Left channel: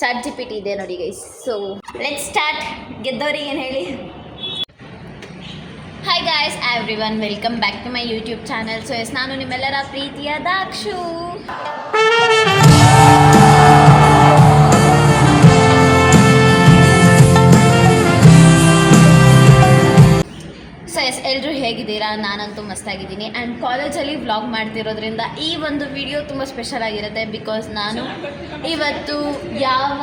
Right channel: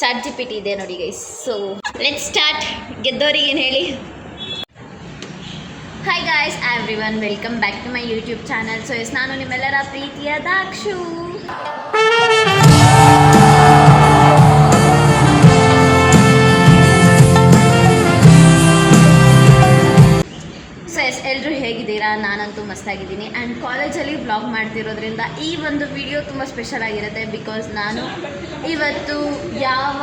Chat G P T ಇದೆ ನೋಡಿ guys. So let's start. ಗೆದ್ದವರಿಗೆ ಏನು ಹೇಳಿ. Hi guys everyone, welcome back to my YouTube channel. So yes, ನಾನು ನಿಮ್ಮೆಲ್ಲರ ಪ್ರೀತಿಯ ದಾಕ್ಷು. ಸೊ ಎಸ್, ಎಲ್ಲರೂ ಹೇಗಿದ್ದೀರಾ? ನಾನಂತೂ ಮಸ್ತಾಗಿದ್ದೀನಿ. ಆ್ಯಂಡ್ ಕಾಲೇಜಲ್ಲಿ ವ್ಲಾಗ್ ಮಾಡ್ತಿರೋದ್ರಿಂದ ಈ ಒಂದು ವಿಡಿಯೋ ತುಂಬ ಸ್ಪೆಷಲ್ ಆಗಿರುತ್ತೆ. ಬಿಕಾಸ್ ನಾನು ಇವತ್ತು ಯಾವ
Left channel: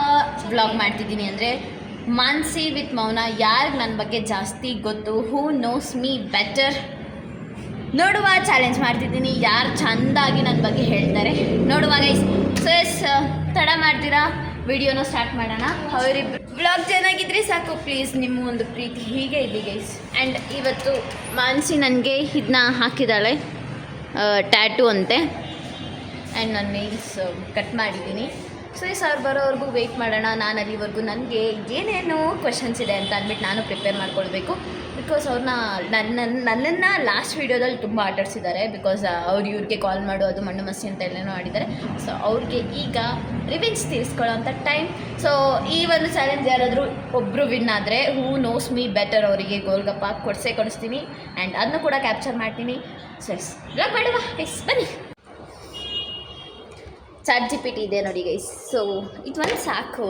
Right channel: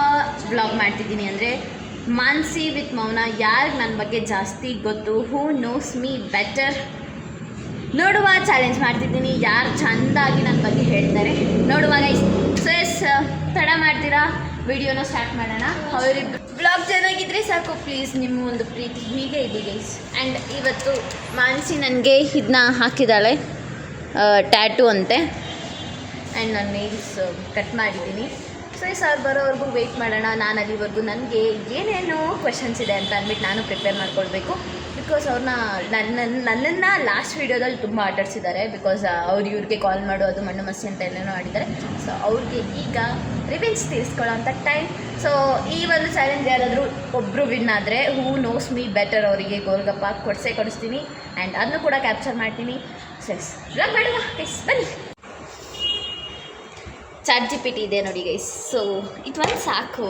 ವ್ಲಾಗ್ ಮಾಡ್ತಿದ್ದೀನಿ ಅಂದರೆ ಮಾನ್ಸಿ ವಿತ್ ಮೌನ. ಯಾರಿಗೆ ನನ್ನ ಬಗ್ಗೆ ಜಾಸ್ತಿ ಗೊತ್ತು, ಹೂ ನೋಸ್ ಮೀ ಬೆಟರ್ ನೋಡುವ ಚಾಲೆಂಜ್ ಮಾಡ್ತಿದ್ದೀನಿ. ಯಾರು ಚೆಂದಾಗಿ ನನ್ನ ಬಗ್ಗೆ ಹೇಳ್ತಾರೆ ನೋಡುವಾಗ. ಸೊ ಎಸ್, ತಡ ಮಾಡ್ತೀರಾ, ವಿಡಿಯೋನ ಸ್ಟಾರ್ಟ್ ಮಾಡೋಣ. ಅವರಿಬ್ಬರು ಬ್ಲಾಗ್ ಚೆನ್ನಾಗಿದ್ರೆ ಸಾಕು ಪ್ಲೀಸ್. ನಿಮ್ಮ ಒಂದು ಪ್ರೀತಿ ಹೀಗೆ ಇದೆ ಗೈಸ್. ಆ್ಯಂಡ್ ಇವತ್ತು ಮಾನ್ಸಿ ನನಗೆ ಇದನ್ನ ಹಾಕಿದ್ದಾಳೆ, ಟ್ಯಾಟೂ ಅಂತೆ. ಆ್ಯಂಡ್ ನಾನು ನೇಲ್ಸ್ ಕಟ್ ಮಾಡಿದ್ದೀನಿ. ಸೊ ಈ ಅವ್ರು ಬರೋವರೆಗೂ ವೆಯ್ಟ್ ಮಾಡೋಣ. ನಾನು ಅಲ್ಲಿವರೆಗೂ ನನಗೆ ಏನೇನೋ ಕ್ವೆಶನ್ಸ್ ಇದೆ ಅಂತ ಅಂದ್ಬಿಟ್ಟು ನಾನು ಪ್ರಿಪೇರ್ ಮಾಡ್ಕೊಳ್ಬೇಕು. ಬಿಕಾಸ್ ಅವ್ರನ್ನ ನನ್ನನ್ನು ಲಾಸ್ಟ್ ವೀಡಿಯೋದಲ್ಲಿ ತುಂಬ ಆಟಾಡಿಸಿದ್ದಾರೆ. ಬಿಕಾಸ್ ಅವ್ರು ಇವ್ರಿಗೆ ಕಾಲ್ ಮಾಡೋದು ಮಣ್ಣು ಮಸಿ ಅಂತ ಎಲ್ಲೇನೋ ಆಡಿದ್ದಾರೆ. ಸೊ ಅವ್ರಿಗೆ ಈಗ ರಿವೆಂಜ್ ತೀರಿಸ್ಕೊಳ್ಳೋ ಅಂಥ ಟೈಮ್. ಸೊ ಈ ಒಂದು ಚಾಲೆಂಜ್ ಯಾರಾದರೂ ಒಬ್ಬರು ವಿನ್ ಆದರೆ ಹೂ ನೋಸ್ ಮೀ ಬೆಟರ್ ಅವರಿಗೆ ಗೋಲ್ಗಪ್ಪ ಕೊಡಿಸ್ತೀನಿ. ಆ್ಯಂಡ್ ಅದನ್ನು ಕೂಡ ಕ್ಯಾಪ್ಚರ್ ಮಾಡ್ತೀನಿ. ಸೊ ಎಸ್, ಬ್ಲಾಗ್ ಮಾಡುವ ಎಸ್, ಬನ್ನಿ. ಚಾಟ್ ಜಿ ಪಿ ಟಿ ಇದೆ ನೋಡಿ ಗೈಸ್. ಸೊ ಇದು ಒಂದು ಸಾಕು.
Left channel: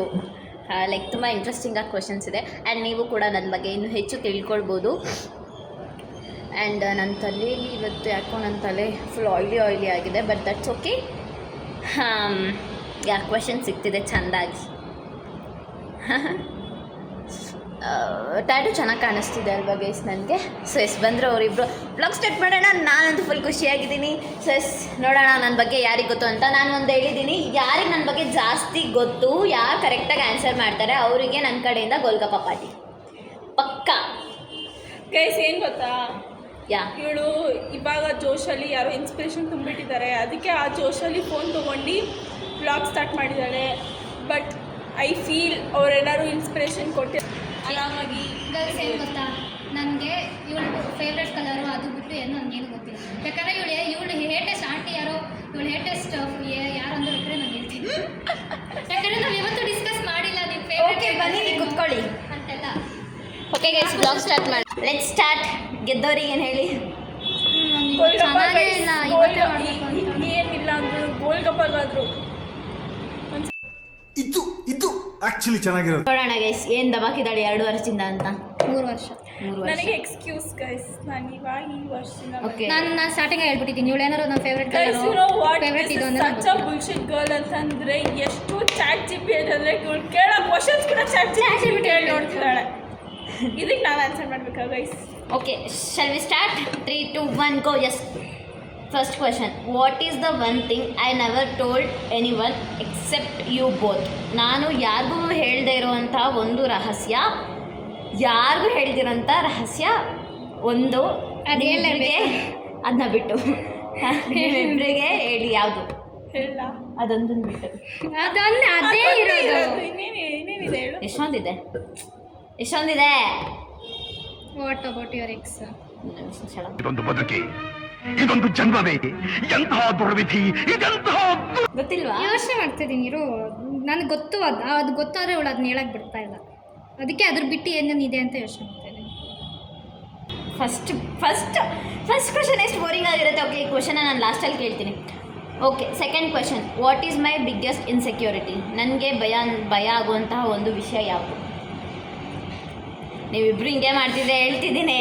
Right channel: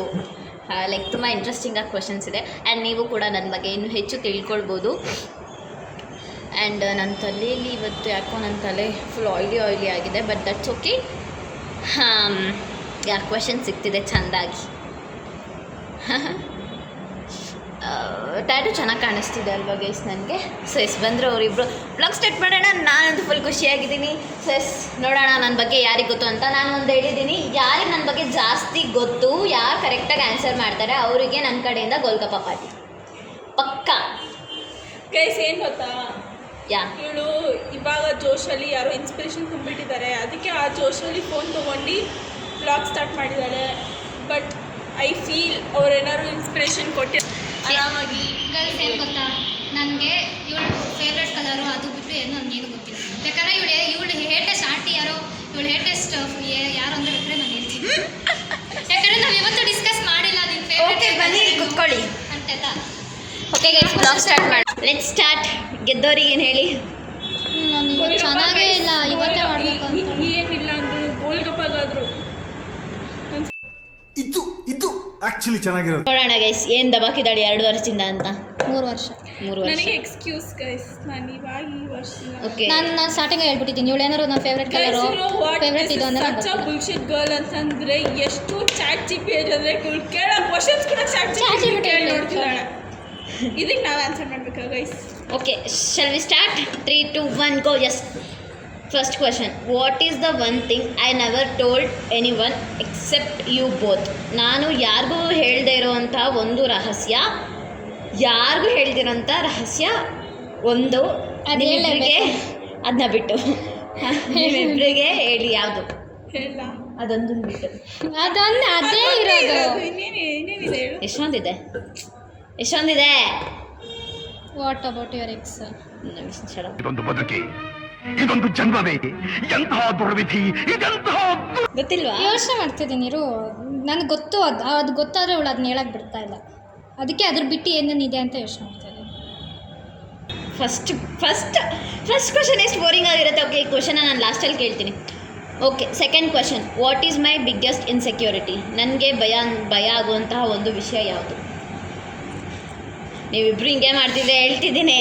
ಲೈಕ್ ತುಂಬ ಇಂಟ್ರೆಸ್ಟಿಂಗಾಗಿ ಕ್ವೆಶನ್ಸ್ ಇದೆ. ಆ್ಯಂಡ್ ನೀವು ಕೂಡ ನನ್ನ ಬಗ್ಗೆ ಇನ್ನೂ ಹೆಚ್ಚು ತಿಳ್ಕೊಳ್ಬೋದು. ಆ್ಯಂಡ್ ನನ್ನ ತಲೆಯಲ್ಲಿ ಇವತ್ತು ಯಾಕೋ ನನ್ನ ತಲೆ ಫುಲ್ ಆಯ್ಲಿ ಆಗಿದೆ. But that's okay. Ya question ಸಿಗ್ತಿದೆ ಚೆಂದಾಗಿ. ಟ್ಯಾಟೂ ಚೆನ್ನಾಗಿ ಕಾಣಿಸ್ತಿದೆ ಅಲ್ವಾ ಗೈಸ್ ನನಗೆ. ಸೊ ಎಸ್, ಬಂದರು ಅವರಿಬ್ಬರು. ಬ್ಲಾಗ್ ಸ್ಟಾರ್ಟ್ ಮಾಡೋಣ. ನಾನಂತೂ ಫುಲ್ ಖುಷಿಯಾಗಿದ್ದೀನಿ. ಸೊ ಎಸ್, ನೋಡೋಣ ನನ್ನ ಬಗ್ಗೆ ಯಾರಿಗೆ ಗೊತ್ತು ಅಂತ. ನಾನು ಒಂದು ಹೇಳಿದ್ದೀನಿ, ಯಾರಿಗೆ ನನ್ನ ಬಗ್ಗೆ ಜಾಸ್ತಿ ಗೊತ್ತು, ಯಾರು ಕರೆಕ್ಟಾಗಿ ಆನ್ಸರ್ ಮಾಡ್ತಾರೆ ಅವರಿಗೆ ನನ್ನ ಕಡೆಯಿಂದ ಗೋಲ್ಗಪ್ಪ ಪಾರ್ಟಿ ಪಕ್ಕಾ. ಗೈಸ್ ಏನು ಗೊತ್ತಾ, ಯಾ ಇವಳು ಇವಾಗ ಜೋಶಲ್ಲಿ ಯಾರೋ ಇನ್ಸ್ಪಿರೇಷನ್ ತುಂಬಿಟ್ಟಿದ್ದಾರೆ. ಅದಕ್ಕೆ ಆ ಜೋಶಲ್ಲಿ ಫೋನ್ ತೊಗೊಂಡು ಬ್ಲಾಗ್ ಸ್ಟಾರ್ಟ್ ಮಾಡಿದ್ದಾರೆ. ಬಟ್ ಐ ಫೀಲ್ ಅವ್ರೇನಾದ್ರು ಇನ್ಸ್ಪಿರೇಷನ್ ಕೊಟ್ಟು ಆರಾಮಾಗಿ. ಗರ್ಲ್ಸ್ ಏನು ಗೊತ್ತಾ, ನನಗೆ ಇವಳು ಫೇವ್ರೆಟ್ ಕಲರು ಅದು ಬಿಟ್ಟು ಏನೋ ನನಗೇನು ಗೊತ್ತಿಲ್ಲ. ಯಾಕಂದರೆ ಇವಳು ಹೇರ್ ಟೆಸ್ಟ್ ಯಾರೋ ಇವಳು ಹೇರ್ ಟೆಸ್ಟ್ ಯಾರು ಅಂತ ಹೇಳಿದ್ರೆ ನಾನು ಹೇಳ್ತೀನಿ. ಯಾಕಂದರೆ ನಾವು ಯಾವತ್ತೂ ಡಿಸ್ಕಸ್ ಮಾಡಿಲ್ಲ ನಿನ್ನ ಫೇವ್ರೆಟ್. ಬನ್ನಿ ಕುತ್ಕೊಳ್ಳಿ ಅಂತೆಲ್ಲ. ಓಕೆ ಗೈಸ್, ಬ್ಲಾಗ್ ಸ್ಟಾರ್ಟ್ ಮಾಡಿ. Let's start. ಗೆದ್ದವರಿಗೆ ಏನು ಹೇಳಿ. ನನಗೆ ಚೆನ್ನಾಗೇ ಇಲ್ಲ, ಇವತ್ತೇ ಮಾಡಬೇಕು ಅಂತ ಏನಿಲ್ಲ ಅಂದ್ರು ಗೋಲ್ಗಪ್ಪಗಾದ್ರು ಇದು ಆಕ್ಚುಲಿ ಚೆನ್ನಾಗಿರೋದು. ನೋಡೋಣ ಗೈಸ್ ಏನು ದಬಾಕಿದ್ದಾಳೆ 2 ವರ್ಷದಿಂದ ಅಂತ. 3 ವರ್ಷ. 3 ವರ್ಷ. ನನಗೆ ಎಕ್ಸ್ಕ್ಯೂಸ್ ಗೈಸ್, ನಾನು ಇವಾಗ ಈ ವರ್ಷದಿಂದ ಓಕೆ. ನಾನು ಸ್ಟಾರ್ಟಿಂಗ್ ಹೇಳ್ಬಿಟ್ಟಿದ್ದೀನಿ ಇವಳು ಏನಾರು ನನ್ನ ಫೇವ್ರೆಟ್ ಕಲರು ಫೇವ್ರೆಟ್ ಇದು ಅಂದ್ರೆ ಸಚ್ ಅ ಬುಲ್ಶಿಟ್ ಗರ್ಲ್ ಅಂತಂದ್ರೆ ಎಷ್ಟು ಚಾಟ್ ಜಿ ಪಿ ಟಿ ಅಂದರೆ ಕೇಳೋ ಕ್ವಶನ್ಸ್ ಕೂಡ ಚಾಟ್ ಜಿ ಪಿ ಟಿ ನೋಡ್ತಿದ್ದಾಳೆ. ಇದಕ್ಕೆ ನಾವು ಆನ್ಸರ್ ಮಾಡ್ಬೇಕಾ guys? Okay, shall we start? 3, 2, 1 go. Yes, first question. What is the one thing I never told anyone except you both. ನಾನು ಯಾರಿಗೂ ಹೇಳದೇ ಇರೋವಂಥ ಒಂದು ರಹಸ್ಯ, ಯಾರಿಗೂ ಹೇಳ್ದಿರೋಂಥ ರಹಸ್ಯ ಒಂದು, ಅದೇಳಿಗೆ ಅದನ್ನ ಬಿಟ್ಟು ನಿಮ್ಮಿಬ್ಬರಿಗೆ ಹೇಳಿ. ಯಾವುದು ಹೇಳ ಅದೊಂದು ಬಿಟ್ಟು ಅದೊಂದು ಅದೇ ಇರೋದು. ಇನ್ನೇನಿದೆ ಹೇಳು. ಎಷ್ಟೊಂದಿದೆ. What about your ex? ಇದೊಂದು ಬದುಕಿ, ಇದೊಂದು ಜನ್ಮವೇ, ಎಂತಹ ದುರ್ವಿಧಿ, ಇದೆಂತಹ ಗೊತ್ತಿಲ್ವಾ? ಯೋಚನೆ ಮಾಡ್ತಿದ್ದೀನಿ ಇರು. ನನಗೆ ಗೊತ್ತು, ಅದು ಗೊತ್ತಾದರೆ ಅವಳು ಅದನ್ನ ಹೇಳಕ್ಕೆ ಬಿಡ್ತಾ ಇಲ್ಲ. ಅದಕ್ಕೆ ಅದ್ರ ಬಿಟ್ಟು ಏನೇನಿದೆ ಅಂತ ಯೋಚನೆ ಮಾಡ್ತಾಯಿದ್ದೀನಿ. ಫಸ್ಟ್ ಕ್ವೆಶನ್ ಎಷ್ಟು ಬೋರಿಂಗ್ ಆಗಿರುತ್ತೆ. ಓಕೆ, ಈ ಕ್ವೆಶನ್ನ ನಾನು ಲಾಸ್ಟಲ್ಲಿ ಕೇಳ್ತೀನಿ. Okay, second question. What is my biggest insecurity? ನನಗೆ ಭಯ ಆಗುವಂತಹ ಒಂದು ವಿಷಯ ಯಾವುದು? ನೀವಿಬ್ರು ಹಿಂಗೆ ಮಾಡ್ತಿದ್ರೆ ಹೇಳ್ತಿದ್ದೀನಿ.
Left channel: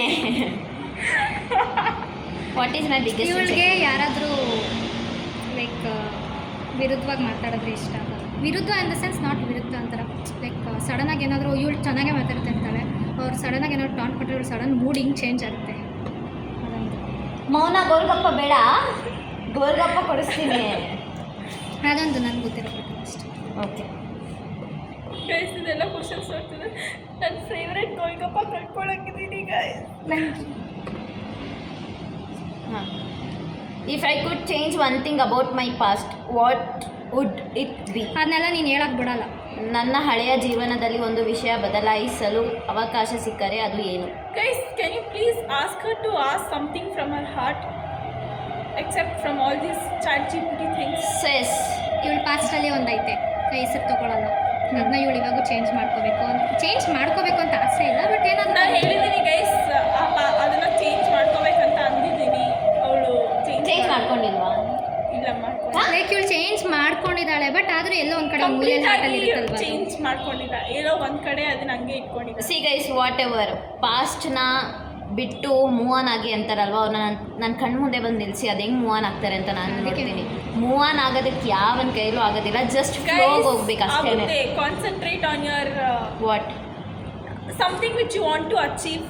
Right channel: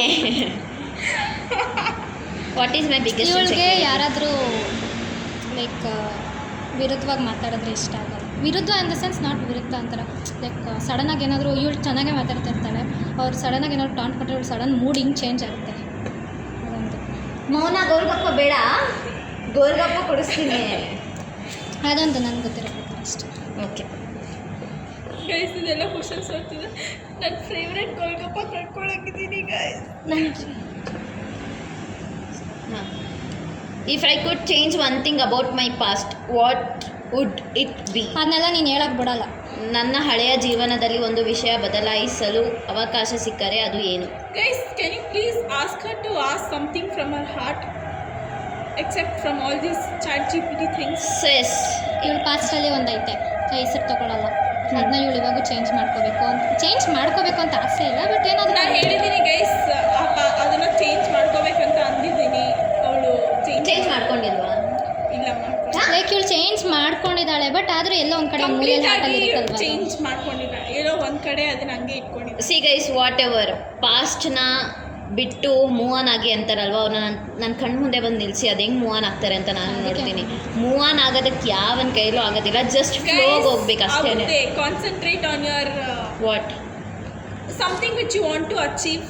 What is my biggest? ಇವಳಿಗೆ ಯಾರಾದರೂ ಲೈಕ್ ವಿರುದ್ಧವಾಗಿ ಮಾತಾಡಿದ್ರೆ ಇಷ್ಟ ಆಗಲ್ಲ. ವಿರುದ್ಧ ಇನ್ ದ ಸೆನ್ಸ್ ನಾಟ್ ವಿರುದ್ಧ ಅಂತಾರೆ. ಲೈಕ್ ಸಡನ್ನಾಗಿ ಏನಾದರೂ ಇವಳು ಚೆನ್ನಾಗೇ ಮಾತಾಡ್ತಿರ್ತಾಳೆ, ಅವ್ರು ಸಡನ್ನಾಗಿ ಏನಾದ್ರು ಟಾಂಟ್ ಕೊಟ್ಟರೆ ಇವಳು ಸಡನ್ ಮೂಡ್ ಹಿಂಗೆ ಚೇಂಜ್ ಆಗುತ್ತೆ. ಅದೊಂದು. ಮೌನ ಗೋಲ್ಗಪ್ಪ ಬೇಡ, ಗೋಲ್ಗಪ್ಪ ಕೊಡಿಸ್ತೀನಿ. ಅದೊಂದು ನನಗೆ ಗೊತ್ತಿರೋ ಪ್ರಕಾರ ಅಷ್ಟೇ. ಓಕೆ ಗೈಸ್, ಇದೆಲ್ಲ ಕ್ವಶನ್ಸ್ ಓದ್ತಿದ್ದೆ. ನನ್ನ ಫೇವ್ರೆಟ್ ಗೋಲ್ಗಪ್ಪ ಕಳ್ಕೊಳಂಗಿದ್ದೀನಿ ಗೈಸ್. ನನಗೆ ಹಾಂ. If I could change one thing about my past, what would it be? ಅದನ್ನೆಲ್ಲ ನೀನು ಹೇಳಕ್ಕೆ ಬಿಡಲ್ಲ. ನನ್ನ ಹಳೆಯ ಜೀವನದಲ್ಲಿ ಒಂದು ವಿಷಯ ಬದಲಾಯಿಸಲು ಅವಕಾಶ ಸಿಕ್ಕರೆ ಅದು ಏನು? Guys, can you please ask her to ask something from her heart except from all these ChatGPT things. Yes, ಇವಳು ಪಾಸ್ಟಲ್ಲಿ ಒಂದೈತೆ, ಹೆಸರು ತೊಗೊಳಲ್ಲ. ಅದನ್ನ ಇವಳು ಇವಾಗೂ ಚೇಂಜ್ ಮಾಡ್ಕೋಬೇಕು ಅಂತ ಆಸೆ ಇಲ್ಲ, ಬಟ್ ಏನಾದರೂ ನಾನು ಹೇಳಿದ್ದೀನಿ ಗೈಸ್, ಅದನ್ನು ಚೇಂಜ್ ಮಾಡ್ಕೋಬೇಕಂತ ಅಂದಿದ್ದೀನಿ. ಅವಳು ಚೇಂಜ್ ಮಾಡ್ಕೊಂಡಿಲ್ವಾ? ಇಲ್ಲ ಲೈಕ್ ಇವಳು ಚೇಂಜ್ ಮಾಡ್ಕೊಂಡಿದ್ದಾಳೆ, ಬಟ್ ಆದರೂ ಎಲ್ಲೋ ಒಂದು ಕಡೆ ಮೂಲೆಯಲ್ಲಿ ಹಾಟಲ್ಲಿ ಇರುತ್ತಲ್ವ, ಚೇಂಜ್ ಮಾಡ್ಕೊಂಡಿಲ್ಲ, ಏನೋ ಒಂದು ಕಡೆ ಅದನ್ನ ಹಂಗೆ ಇಟ್ಕೊಂಡಿದ್ದೆ. ಸಿ ಗೈಸ್, ವಾಟ್ ಎವರ್, ಪಾಸ್ಟ್ನ ಬಿಟ್ಟು ಮೂವ್ ಆನ್ ಆಗಿ ಅಂತಾರಲ್ವ, ಅವ್ರನ್ನ ನನ್ನ ಕಣ್ಣು ಮುಂದೆ ಬಂದು ನಿಲ್ಲಿಸಿ ಅದು ಹೆಂಗೆ ಮೂವ್ ಆನ್ ಆಗ್ತಾರೆ ಅಂತ ನಾನು ನೋಡ್ತೀನಿ. ಮೂವ್ ಆನ್ ಆಗೋದಕ್ಕೆ ಯಾವನ ಕೈಲೂ ಆಗೋದಿಲ್ಲ, ಜಸ್ಟ್ ಫ್ಲೋಗೆ ಹೋಗ್ಬೇಕು ಅಷ್ಟೇ. Concentrate on your what something which you want to achieve,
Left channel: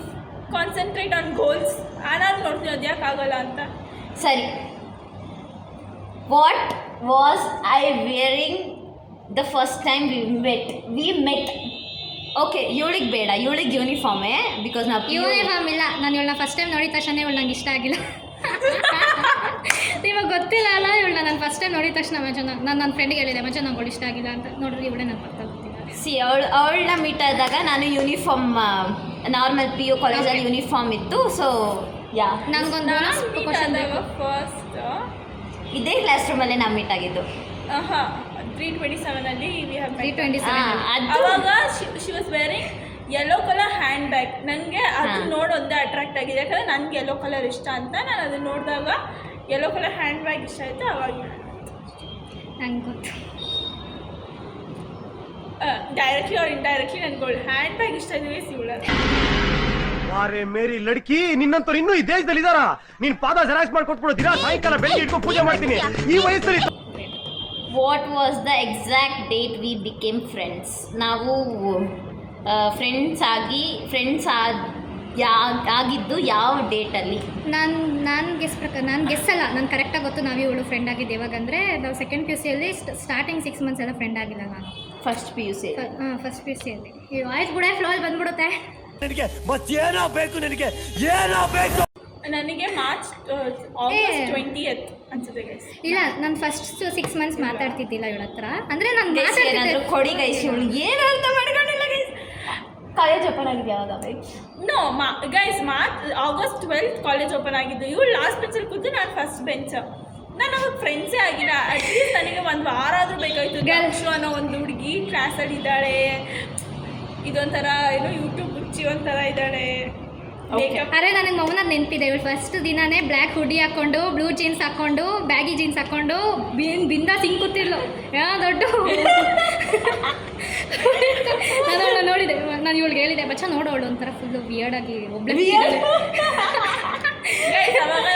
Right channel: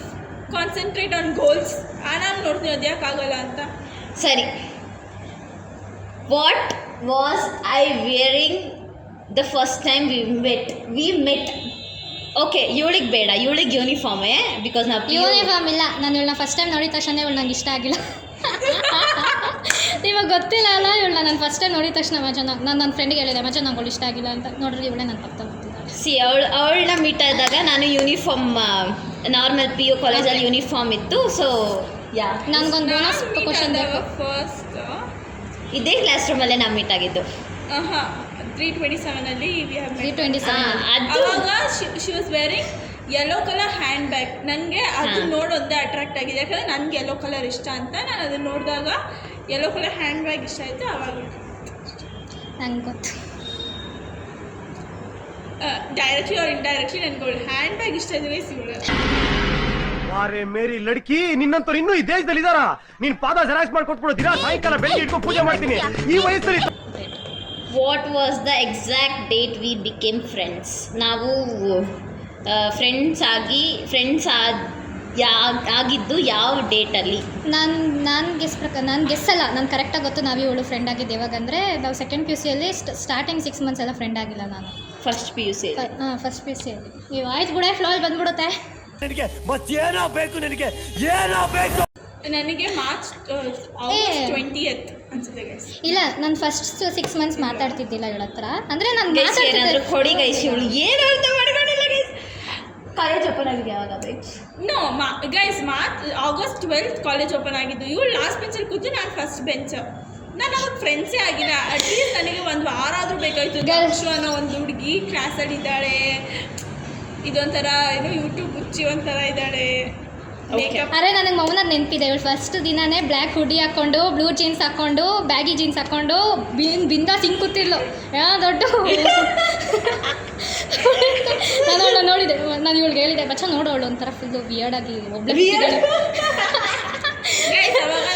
concentrate on goals. ನಾನು ನೋಡ್ತೀನಿ ಅದು ಯಾಕೆ ಆಗಲ್ಲ ಅಂತ. ಸರಿ, what was I wearing the first time we met? Okay, ಇವಳಿಗೆ ಬೇಡ, ಇವಳಿಗೆ ಯೂನಿಫಾರ್ಮೇ, ಬಿಕಾಸ್ ನಾವು ಯೂನಿಫಾರ್ಮ್ ಇಲ್ಲ. ನಾನು ಇವಳನ್ನ ಫಸ್ಟ್ ಟೈಮ್ ನೋಡಿದ ತಕ್ಷಣ ಇವಳು ನಂಗೆ ಇಷ್ಟ ಆಗಿಲ್ಲ. ಇವಾಗ ಗೊತ್ತಿಲ್ಲ ಅಲ್ಲ, ಇವಳನ್ನ ನಾನು ಫಸ್ಟ್ ಟೈಮ್ ನೋಡಿದ ತಕ್ಷಣ ನಾನು ನನ್ನ ಫ್ರೆಂಡಿಗೆ ಹೇಳಿದೆ ಮಚ್ಚ ನಂಗೆ ಇಷ್ಟ ಆಗಿಲ್ಲ ಅಂತ. ನೋಡ್ರಿ ಇವಳೇ ನನ್ನ ಪಕ್ಕ ಗೊತ್ತಿಲ್ಲ. ಸಿ ಅವಳನ್ನ ಮೀಟ್ ಆದಾಗ ನಾನು ಯೂನಿಫಾರ್ಮ್ ನಾರ್ಮಲ್ PU ಕಾಲೇಜಲ್ಲಿ ಯೂನಿಫಾರ್ಮ್ ಇತ್ತು. ಸೊ ಯಾ, ನನಗೊಂದು ಬೋನಸ್ ಕ್ವಶನ್ ಬೇಕು. ಫಸ್ಟ್ ಇದೇ ಕ್ಲಾಸ್ ರೂಮಲ್ಲೇ ನಾವು ಮೀಟ್ ಆಗಿದ್ದು. 327 ವಿ ಹ್ಯಾವ್ 327 ಅದು ಅವಾಗ she was wearing yellow colour hand bag. ನನಗೆ ಅದು ನೋಡೊಂದೇ ಅಟ್ರಾಕ್ಟ್ ಆಗಿದೆ, ಯಾಕಂದರೆ ನನಗೆ ಯೆಲ್ಲೋ ಕಲರ್ ಇಷ್ಟ ಅಂತ. ನಾನು ಅದನ್ನು ನೋಡಿದಾಗ ಯೆಲ್ಲೋ ಕಲರ್ ಹ್ಯಾಂಡ್ ಬ್ಯಾಗ್ ಇಷ್ಟ ಆಯಿತು. ಅವಾಗ ನಂಗೆ ಗೊತ್ತು, ಡೈರೆಕ್ಟ್ಲಿ ಅವ್ರು ಇಂಡೈರೆಕ್ಟ್ಲಿ ನನಗೆ ಹ್ಯಾಂಡ್ ಬ್ಯಾಗ್ ಇಷ್ಟ ಆಗಿದೆ. ಸಿಗುಲ್ಲ ವಾರೆ ಮೇರಿ ಲಡ್ಕಿ, ನಿನ್ನಂತವ್ರು ಇನ್ನೂ ಈ ದೇಶದಲ್ಲಿ ಇದಾರ? ನೀನ್ ಪಾದ ಜೆರಾಕ್ಸ್ ಮಾಡ್ಕೊಟ್ಬಿಡು, ದಿನ ಸಾಯಂಕಾಲ ಬೆಳಿಗ್ಗೆ ಇಟ್ಕೊಂಡು ಪೂಜೆ ಮಾಡ್ತೀನಿ. ಈ ವಯಸ್ಸಲ್ಲಿ what was the exact date we became friends? ನಾವು ಫ್ರೆಂಡ್ಸ್ ಆಗಿದ್ದು ಯಾವ ಡೇಟಲ್ಲಿ? ನಾನು ಗೆಸ್ಸಲ್ಲ, ನಾನು ಕರೆಕ್ಟಾಗಿ ಗೊತ್ತು. ನಾವು ಇವಳು ಫ್ರೆಂಡ್ ಆಗಿದ್ದು ಯಾವಾಗಂದರೆ ನಾವು ಸೆಕೆಂಡ್ PUC ಯಲ್ಲಿ ಸ್ಟಾರ್ಟಿಂಗ್ 6 months ಎಲ್ಲ ಫ್ರೆಂಡ್ ಆಗಿಲ್ಲ ನಾನು. First PUC. ಫಸ್ಟ್ PUC ಯಲ್ಲಿ. ಈ ವಾಯ್ಸ್ ಕೂಡ ಫ್ಲೋಲ್ ಬಂದ್ಬಿಡುತ್ತೆ. ನನಗೆ ಮತ್ತೇನೋ ಬೇಕು, ನನಗೆ ಏನೋ ಬೇಕು. ನನಗೆ ಮಾರ್ಚ್ 20th ಅನ್ಸುತ್ತೆ ಗೈಸ್. ಇಲ್ಲ, ನಾನು ಫಸ್ಟ್ 6 months ಮಾತಾಡ್ತಿದ್ದಿಲ್ಲ ಇವಳ ಹತ್ರ. ಅಂದರೆ ನಾನು ಏನಾದರೂ ಕೊಡಿ ಗೈಸ್, ಇವಳು ಏನು ಅರ್ಥ ಮಾಡ್ಕೊಂಡಿಲ್ಲ ಗೈಸ್. ಕಾಲೇಜ್ ಓಪನ್ ಆಗಿದೆ ಯಾವಾಗ guys? No guys, August 12th college open ಆಗಿದ್ದು. ಇವಳು ಲಾಸ್ಟ್ ಬೆಂಚಲ್ಲಿ ಕೂತು ನಾನು ಫಸ್ಟ್ ಬೆಂಚ್. ನಾನು ಅವಾಗ ಫ್ರೆಂಡ್ಸೇ ಆಗಿಲ್ಲ. ಅಟ್ಲೀಸ್ಟ್ ನನಗೆ ಒಂದು ವಾರ ಆದರೂ ಬೇಕಾಯಿತು. ಗರ್ಲ್ಸು ಅನ್ನೋ ಒಂದು ಹುಡುಗಿ ಕ್ಲಾಸಲ್ಲಿ ಇದ್ದಾಳೆ, ಇದೊಂಥರ ಏನು ಯೂಟ್ಯೂಬ್ ಹುಚ್ಚಿ ಒಂಥರ ಇದ್ದಾಳೆ. ಅರೆ ನನಗೆ ಮೌನದ ನೆನಪಿದೆ. ಇವಳು ಫಸ್ಟ್ ದಿನನೇ ಬ್ಲ್ಯಾಕ್ ಹುಡಿ ಹಾಕ್ಕೊಂಡು, ಬ್ಲೂ ಜೀನ್ಸ್ ಹಾಕ್ಕೊಂಡು, ಬ್ಯಾಗಿ ಜೀನ್ಸ್ ಹಾಕ್ಕೊಂಡು ಬಿಂದಾಸ್ ಹಿಂಗೆ ಕೂತಿರ್ಲು. ದೊಡ್ಡ ನಾನು ಅವಳನ್ನ ನೋಡಿದೆ. ನಾನು ಇವಳಿಗೆ ಹೇಳಿದೆ ಬಚ್ಚ ನೋಡೋಳು ಒಂಥರ ಫುಲ್ಲು ವಿಯರ್ಡಾಗಿ ಒಬ್ಳೆ ಅವಾಗ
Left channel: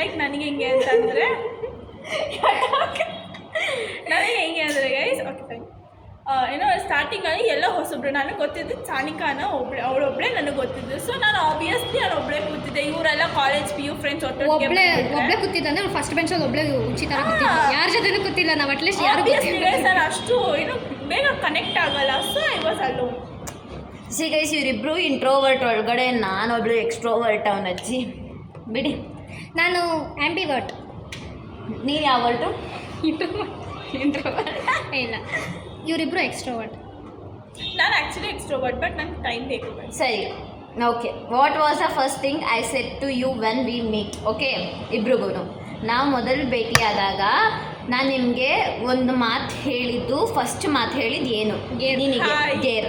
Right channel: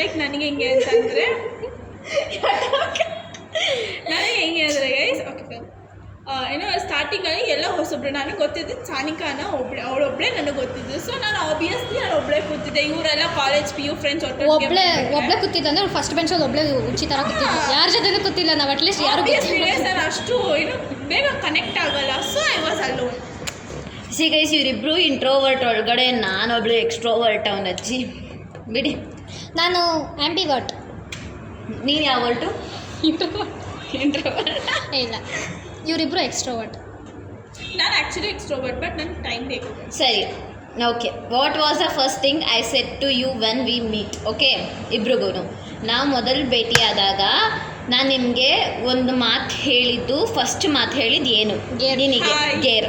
ಲೈಕ್ ನನಗೆ ಹೆಂಗೆ ಅಂತಂದರೆ ಗೈಸ್, ಓಕೆ ಫೈನ್, ಏನೋ ಸ್ಟಾರ್ಟಿಂಗಲ್ಲಿ ಎಲ್ಲ ಹೊಸೊಬ್ರು. ನನಗೆ ಗೊತ್ತಿದ್ದು ಸಾನಿಕಾನ ಅವಳೊಬ್ಬಳೇ ನನಗೆ ಗೊತ್ತಿದ್ದು. ಸೊ ನಾನು ಆಬ್ವಿಯಸ್ಲಿ ನಾನು ಒಬ್ಬಳೇ ಕೂತಿದ್ದೆ. ಇವರೆಲ್ಲ ಕಾಲೇಜ್ PU ಫ್ರೆಂಡ್ಸ್ ಒಬ್ಬಳೇ ಕೂತಿದ್ದ ಅಂದ್ರೆ ಫಸ್ಟ್ ಬೆಂಚಲ್ಲಿ ಒಬ್ಬಳೇ ಉಚ್ಚಿ ಥರ ಕೂತಿದ್ದ. ಯಾರ ಜೊತೆನೂ ಕೂತಿಲ್ಲ ನಾವು, ಅಟ್ಲೀಸ್ಟ್ ಯಾರು ಸರ್ ಅಷ್ಟು ಏನು ಬೇಗ ಕನೆಕ್ಟ್ ಆಗಲ್ಲ. So I was alone. C guys, ಇವರಿಬ್ಬರು ಇಂಟ್ರೋವರ್ಟ್ ಒಳಗಡೆ, ನಾನೊಬ್ಳು ಎಕ್ಸ್ಟ್ರೋವರ್ಟ್. ಅವನ ಅಜ್ಜಿ ಬಿಡಿ. ನಾನು ಆ್ಯಂಬಿವರ್ಟ್. ನೀನು ಯಾವ ವರ್ಟು? ಇಂಟ್ರೋವರ್ಟ್. ಇಲ್ಲ, ಇವರಿಬ್ಬರು ಎಕ್ಸ್ಟ್ರೋವರ್ಟ್. ನಾನು ಆ್ಯಕ್ಚುಲಿ ಎಕ್ಸ್ಟ್ರೋವರ್ಟ್, ಬಟ್ ನನಗೆ ಟೈಮ್ ಬೇಕು. ಸರಿ, okay. What was the first thing I said to you when we meet? Okay, ಇಬ್ರಿಗೂ ನಾವು ಮೊದಲು ಭೇಟಿಯಾದಾಗ ನಾನು ನಿನಗೆ ಒಂದು ಮಾತು ಹೇಳಿದ್ದು, ಫಸ್ಟ್ ಮಾತು ಹೇಳಿದ್ದು ಏನು? ನಿನಗೆ ಗೇರ್,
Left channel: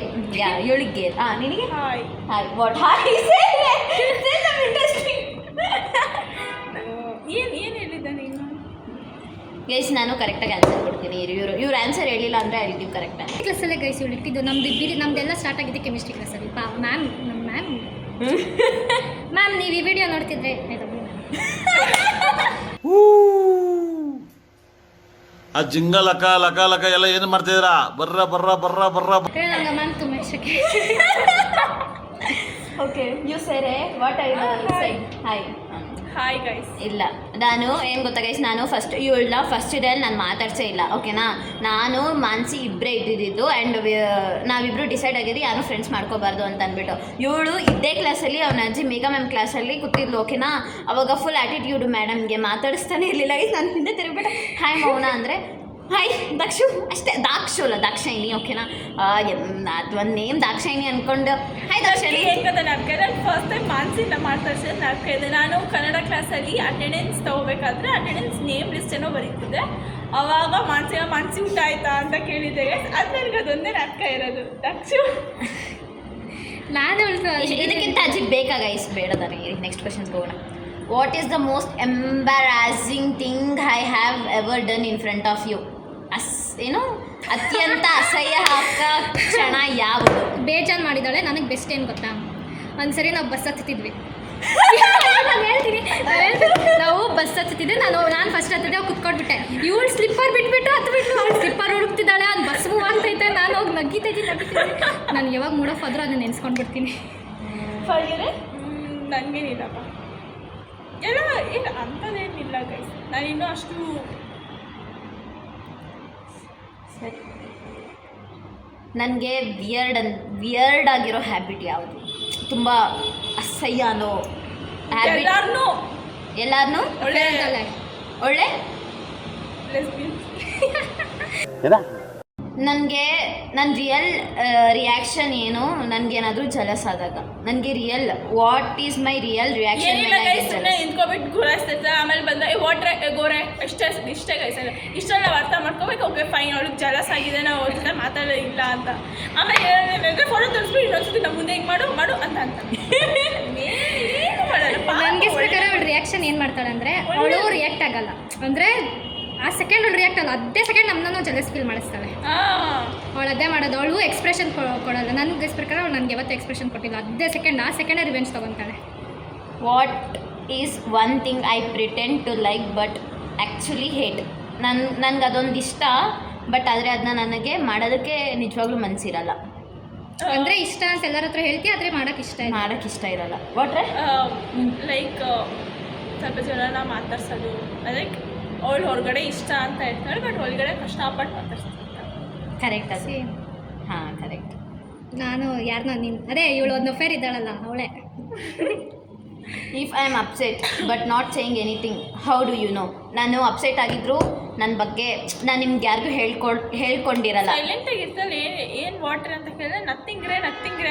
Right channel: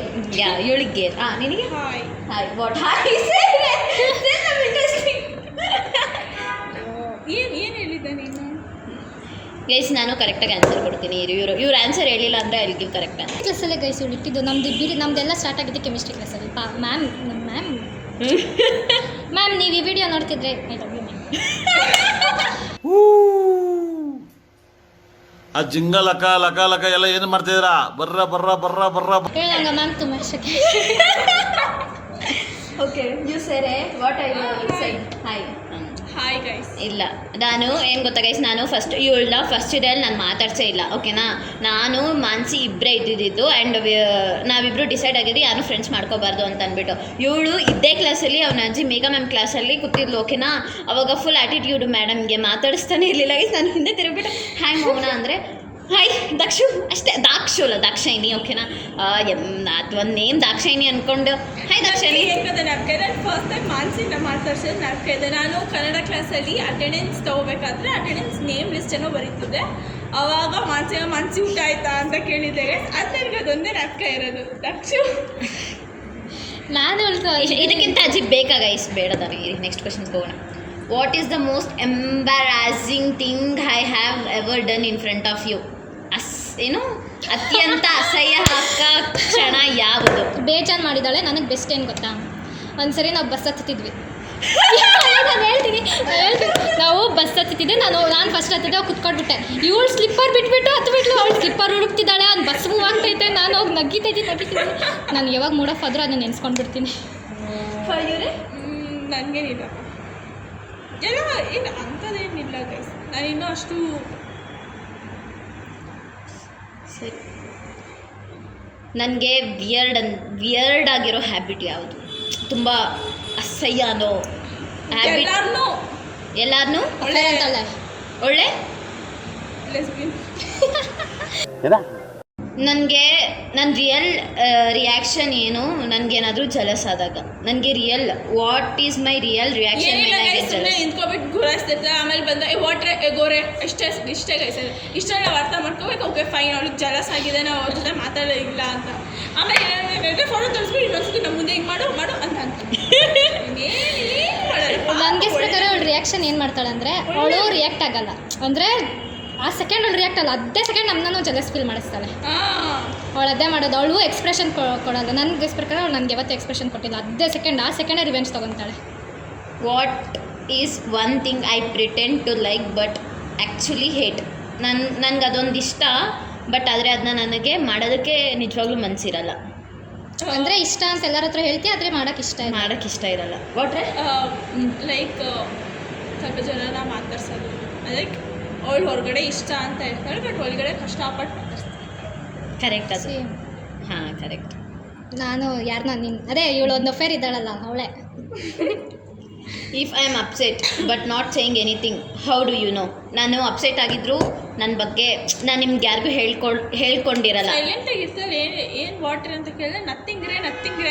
ಇವಳಿಗೆ ಗೇರ್. ನಿನಗೆ ಹಾಯ್. ಹಾಯ್. What hi? ಏನು ಹೇಳಿದ್ದೆ ನೀನು? ಗೈಸ್ ನಾನು ಕರೆಕ್ಟಾಗಿ ಆನ್ಸರ್ ಕೊಡ್ತೀನಿ. ಇವ್ರು ಆನ್ಸರ್ ಹೇಳಿಲ್ಲ ಅಂದರೆ I will give correct answer. ಕ್ಲಾಸಲ್ಲೇ ಗೈಸ್ ಇವಳು ಇಟ್ಟಿದ್ದು ನಮ್ಮದೆಲ್ಲ ಸ್ಟಾರ್ಟ್ ಆಗಿದೆ ಕೆಮಿಸ್ಟ್ರಿ ಕ್ಲಾಸಲ್ಲಿ. ಮ್ಯಾಮ್ ನೀವು ಈ ವಿಡಿಯೋ ನೋಡ್ತಿದ್ರೆ ಐ ಲವ್ ಯು ಮ್ಯಾಮ್. ಆ ಜಿಂಗ ಲಕ ಲಕ ಲಕ ಎಲ್ಲ ಏನು ಮಾಡ್ತಿದ್ದೀರಾ? ಬರ್ರ ಬರ್ರ ಬರ್ರ ಬರ್ರ. ನಂಗೆ ಮ್ಯಾಮ್ ತುಂಬ ಇಷ್ಟಕ್ಕೆ. Okay, you sure what I say hi. Hi guys. ಇಲ್ಲ, ನಾನು ಏನು ಗೊತ್ತಾ ಗೈಸ್, ನಾನು ಇವಳನ್ನ ಫಸ್ಟ್ ಇಯರಲ್ಲಿ ನಾನು ಮಾತಾಡ್ಸೇ ಇಲ್ಲ. ಓಕೆನಾ, ನಾನು ಮಾನ್ಸಿ ಇಬ್ಬರೇ ಇದ್ದಿದ್ದು. ಆ್ಯಂಡ್ ನಾವಿಬ್ಬರು ಡಿಸೈಡ್ ಆಗಿದ್ದು ಯಾರು ಫ್ರೆಂಡ್ಸ್ ಮಾಡ್ಕೋಬಾರ್ದು ಅಂತ ಅಂದ್ಬಿಟ್ಟು. ಇವಳು ಇದ್ದೇ ಕ್ಲಾಸಲ್ಲಿ ಅವನ ಅಜ್ಜಿ ಮೇಘಾ ಮ್ಯಾಮ್ ಕ್ಲಾಸಲ್ಲಿ ಕೂತಿದ್ಲು. ಓಕೆನಾ, ಅವಾಗ ಫುಲ್ ಆ್ಯಟಿಟ್ಯೂಡು ಮೇಡಮ್ಗೆ, ಮಾತಾಡಿಸ್ತಾನೆ ಇರಲಿಲ್ಲ ಗೈಸ್. ನಾನು ಹಿಂದೆ ತಿರುಗ್ಬಿಟ್ಟು ಹಾಯ್ ಮೌನ ಅಂದರೆ ಹಾಯ್ ದಾಕ್ಷು ಅಷ್ಟೇ. ದಾಕ್ಷು ಅಲ್ಲ, ದಾಕ್ಷಾಯಿನಿ. ಓಕೆನಾ, ಅದು ಒಂದು ನೇಮ್ ದಾಕ್ಷಾಯಿನಿ ಅಂದ್ಕೊಂಡು ಹಾಯ್ ದಾಕ್ಷಾಯಿನಿ. ನಾನು ಫಸ್ಟ್ ಟೈಮ್ ಮಾನ್ಸಿಂದ ಮಾತಾಡ್ಸಿದ್ದು ನಾಲ್ಕು ಇದೆ. ನಾನು ಕನ್ನಡ ಕ್ಲಾಸಲ್ಲಿ ಅಟೆಂಡೆನ್ಸ್ ತೊಗೋಬೇಕಾದ್ರೆ ಅಟೆಂಡೆನ್ಸ್ ನೇಮ್ ಲಿಸ್ಟ್ ಏನೋ ಬರೀತಿದ್ದೆ. ಅವಾಗ ಮಾನಸಿ ಊಟ ಆಯ್ತಾ ಅಂತ ಕೇಳಿದ್ದೆ ಅದು ನನಗೆ ಅದೊಂದೇ ನಾಟಕ ಇರೋದು ದಕ್ಷು. ನಾನು ಇದಕ್ಕಿಂತ ಅಜಿಬ್ ಬೇಕಾ ಗೈಸ್? ಬೇಡ ತಾನೆ. ನೆಕ್ಸ್ಟ್ ಕ್ವಶನ್ಸ್ ಹೋಗೋಣ. What is the most embarrassing thing I have ever done in front of you? ಏನು ಅತ್ಯಂತ ಅಸಹ್ಯ ಕ್ಷಣ ಯಾವುದು? ಬೇಜಾನ್ ಮಾಡಿದ್ದಾಳೆ. ನನಗೆ ಬೆಸ್ಟ್ ಏನು ಗೊತ್ತಾ, ಒಂದ್ಸರಿ ನಾವು ಬಸ್ ಹತ್ತಿದ್ವಿ. ನಾನು ಹೇಳ್ತೀನಿ ನಾವು ಬಸ್ ಹತ್ತಿದ್ದೆ. ನಾನು ಫಸ್ಟ್ ಹತ್ತಿದ್ದೆ, ಅವ್ರು ಕುತ್ಕೊಟ್ಬಿಟ್ಟೆ. ಇವಳು ಸ್ಲಿಪ್ಪರ್ ಬಿಟ್ಬಿಟ್ಟು ಹತ್ಬಿಟ್ಲು. ಅವಳು ಸ್ಲಿಪ್ಪರ್ ಹುಡುಕ್ತಿದ್ದಾಳೆ, ಅವ್ನು ಬಸ್ ಮೂವ್ ಆಗ್ತೈತೆ. ನಾನು ಹೋಗಿ ನಗ್ಗಿದ್ದೀನಿ. ನಾನು ಯಾವಾಗ ಮೂಡ್ ಆಫ್ ಆದರೂ ಅದನ್ನ ನೆನೆಸ್ಕೊಂಡ್ಬಿಡ್ತೀನಿ. ನನಗೇನಿಲ್ಲಪ್ಪ, ಎಲ್ಲ ಏನು ಅಂಥದ್ದೇನಿಲ್ಲ ಗೈಸ್. ನಾನು ಇನ್ನೂ ಅಷ್ಟು ಸರಿ. ನನಗೆ ವಿಯರ್ಡ್ ಆಗಿರೋ ಹ್ಯಾಬಿಟ್ ಯಾವುದು? ತುಂಬ ಅಸಹ್ಯ ಅನ್ನೋ ಹ್ಯಾಬಿಟ್. ಎಲ್ಲಾರನ್ನೂ ಒಳ್ಳೆ ಅಂತಲ್ಲ ಒಳ್ಳೆ ನನಗೆ ನನ್ನ ರಿಯಲ್ ರಿಯಾಕ್ಷನ್ ಏನು, ನನಗೇನಾದರೂ ಜಲಸ್ ಆದಾಗ ನನಗೆ real what is my real reaction when I get jealous? ನಿಂತ್ಕೊಬಿಟ್ಟು ಗುರಾಯಿಸ್ತಿರ್ತಾರೆ. ಆಮೇಲೆ ಬಂದ ವಾಟ್ರೆ ಗೋರೆ ಇಷ್ಟೇ ಗೈಸ್. ಇಷ್ಟೆಲ್ಲ ನಾವು ಅರ್ಥ ಮಾಡ್ಕೋಬೇಕು. ಓಕೆ ಫೈನ್, ಅವಳಿಗೆ ಜಲಸ್ ಆಗಿದೆ, ನಾವು ಅವ್ರ ಜೊತೆ ಮಾತಾಡೋದಿಲ್ಲ ಅಂತ. ಆಮೇಲೆ ಫೋಟೋ ತೋರಿಸ್ಬಿಟ್ಟು ಇನ್ನೊಂದ್ಸತಿ ನಮ್ಮ ಮುಂದೆ ಹಿಂಗೆ ಮಾಡು ಅಂತ ನನಗೆ ಪ್ರಕಾರ ಅವಳು ರಿಯಾಕ್ಷನ್ ಏನು ಮಾಡ್ತಾಳೆ ಅಂದರೆ, ಅವಳು ರಿಯಾಕ್ಟ್ ಆಗಲ್ಲ. ಅಂದರೆ ಆ ಸೆಕೆಂಡ್ ಅವಳು ರಿಯಾಕ್ಟ್ ಅಲ್ಲ, ಅದೇ ಸೆಕೆಂಡ್ ನಮ್ಮನ್ನು ಜಲಸ್ ಫೀಲ್ ಮಾಡಿಸ್ತಾಳೆ. ಅವಳು ಅದೇ ಮಾಡೋದು. ಅವಳು ಎಕ್ಸ್ಪ್ರೆಷನ್ ಕೊಡಲ್ಲ. ನನಗೆ ಪ್ರಕಾರ ಅವಳು ನನಗೆ ಯಾವತ್ತೂ ಎಕ್ಸ್ಪ್ರೆಷನ್ ಕೊಟ್ಟಿಲ್ಲ. ಅದೇ ಸೆಕೆಂಡ್ ಆ ಸೆಕೆಂಡೇ ರಿವೆಂಜ್ ತೊಗೊತಾಳೆ. What is one thing I pretend to like but actually hate? ನನಗೆ ಅದೊಂದು ಇಷ್ಟ, ಬಟ್ ಆದರೆ ಅದನ್ನ ನನಗೆ ಮಾಡೋದಕ್ಕೆ ನಿಜವಾಗ್ಲೂ ಮನಸ್ಸಿರಲ್ಲ. ಅಂದರೆ ಇಷ್ಟ ಅಂತ ಎಲ್ಲರ ಹತ್ರ ಹೇಳ್ತೀವಿ, ಆದರೆ ಮಾಡೋಕ್ಕೆ ಇಷ್ಟ ಇರಲ್ಲ. ವಾಟ್ರೆ ಲೈಕ್ ಸ್ವಲ್ಪ ಜನನ ಮಾತಾಡ್ಸೋದು. ಲೈಕ್ ಅವಳು ಹೊರಗಡೆ ಇಷ್ಟ ಅಂತ ಹೇಳ್ತಾಳೆ, ಬಟ್ ಒಳಗಡೆ ಕಷ್ಟಪಟ್ಟು ಮಾತಾಡ್ಸ್ತಾಳೆ. ಕರೆಕ್ಟ್ ಅದು. ಹಾಂ ಕರೆಕ್ಟ್. ನಾನು ಯಾರನ್ನ ಅದೇ ಇವಳು ಒಂದು ಅಫೇರ್ ಇದ್ದಾಳಲ್ಲ ಅವಳೇ. If I am upset but not saying anything, how do you know? ನಾನು ಅಪ್ಸೆಟ್ ಆಗಿದ್ರು ನನ್ನ ಬಗ್ಗೆ ನಾನು ನಿಮ್ಗೆ ಯಾರಿಗೂ ಹೇಳ್ಕೊಂಡಿರಲ್ಲ. ಸೈಲೆಂಟಾಗಿ ಇರ್ತಾಳೆ. ಏನು ವಾಟರ್ ಅಂತ ಕೇಳಿದ್ರೆ ನಥಿಂಗ್ ರೇ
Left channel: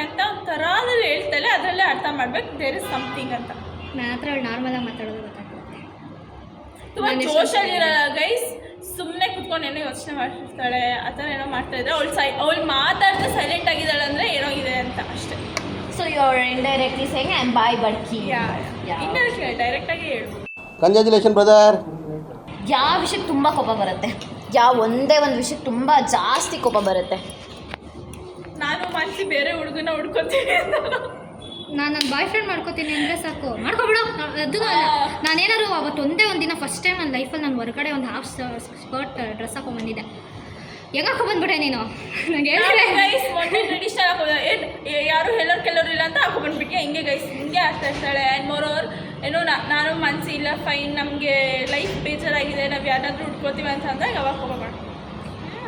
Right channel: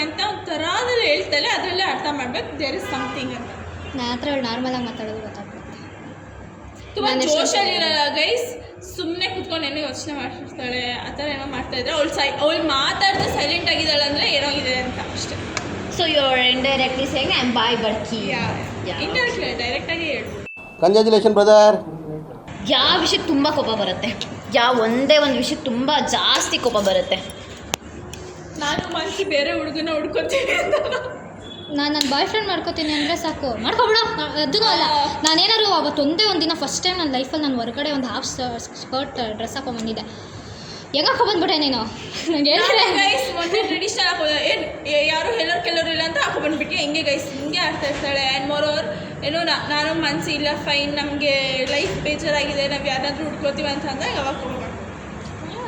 ಅಂತ ಒಂದು ಥರದಲ್ಲಿ ಹೇಳ್ತಾಳೆ. ಅದರಲ್ಲೇ ಅರ್ಥ ಮಾಡ್ಬೇಕು ದೇರ್ ಇಸ್ ಸಮಥಿಂಗ್ ಅಂತ. ನನ್ನ ಹತ್ರ ಅವಳು ನಾರ್ಮಲಾಗಿ ಮಾತಾಡೋದು ಗೊತ್ತಾಗ್ತದೆ. ತುಂಬ ಜೋಶಲ್ಲಿ ಇರಲ್ಲ ಗೈಸ್. ಸುಮ್ಮನೆ ಕೂತ್ಕೊಂಡು ಏನೋ ಯೋಚನೆ ಮಾಡ್ತಿರ್ತಾಳೆ. ಆ ಥರ ಏನೋ ಮಾಡ್ತಾಯಿದ್ರೆ ಅವಳು ಮಾತಾಡಿದ್ರೆ ಸೈಲೆಂಟ್ ಆಗಿದ್ದಾಳೆ ಅಂದರೆ ಏನೋ ಇದೆ ಅಂತ ಅಷ್ಟೇ. So you are indirectly saying I am boy ಬಡ್ಕಿ. ಡೈರೆಕ್ಟಾಗಿ ಹೇಳು. Congratulation brother. ಯಾವ ವಿಷಯಕ್ಕೆ ತುಂಬ ಕೋಪ ಬರುತ್ತೆ? ಒಂದೇ ಒಂದು ವಿಷಯಕ್ಕೆ ತುಂಬ ಜಾಸ್ತಿ ಕೋಪ ಬರುತ್ತೆ? ನಾನು ಮನಸ್ಸಿ ಬೇರೆ ಹುಡುಗನ ಹುಡ್ಕೊತೀನಿ ಅಂತ. ನಾನು ನನ್ನ ಬಾಯ್ ಫ್ರೆಂಡ್ ಮಾಡ್ಕೋತೀನಿ ಅಂದರೆ ಸಾಕು, ಮಾಡ್ಕೊಬಿಡು. ಅದೂ ಅಲ್ಲ, ನಾನೇನಾದ್ರು ಅವತ್ತು ಒಂದೇ ಒಂದು ದಿನ ಫಸ್ಟ್ ಟೈಮ್ ನನ್ನ ಲೈಫಲ್ಲಿ ನಾನು ಹೊರಗಡೆ ಒಂದು ಹಾಫ್ ಸ್ಕರ್ಟ್ ಡ್ರೆಸ್ ಹಾಕೊಂಡ್ಬಂದಿದ್ದೆ. ಹೆಂಗೆ ಹಾಕೊಂಡ್ಬಂದ್ಬಿಟ್ಟೆ ನೀನು? ನಂಗೆ ಹೇಳ್ತಾರೆ ಮೊನ್ನೆ ಟ್ರೆಡಿಷನಲ್ ಹಾಕೋದು ಏನು ಯಾರು ಕೆಲವರು ಇಲ್ಲ ಅಂತ ಹಾಕೊಂಡ್ಬಂದ್ಬಿಟ್ಟು ಹಿಂಗೆ ಗೈಸ್ ಹಿಂಗೆ ಆಗ್ತಾ ಇರ್ತಾಳೆ. ಆ್ಯಂಡ್ ಮೋರೋವರ್ ಏನೋ ನಾನು ಮನಸ್ಸು ಇಲ್ಲ ಫೈನ್, ನಮಗೆ ಲೈಫ್ ಬೇಜಾರಾಗಿದೆ, ನಾವು ಯಾರಾದರೂ ಹುಡ್ಕೋತೀವಿ ಅಂತ ಅಂದಾಗ ಅವಾಗ ಹೋಗೋಣ.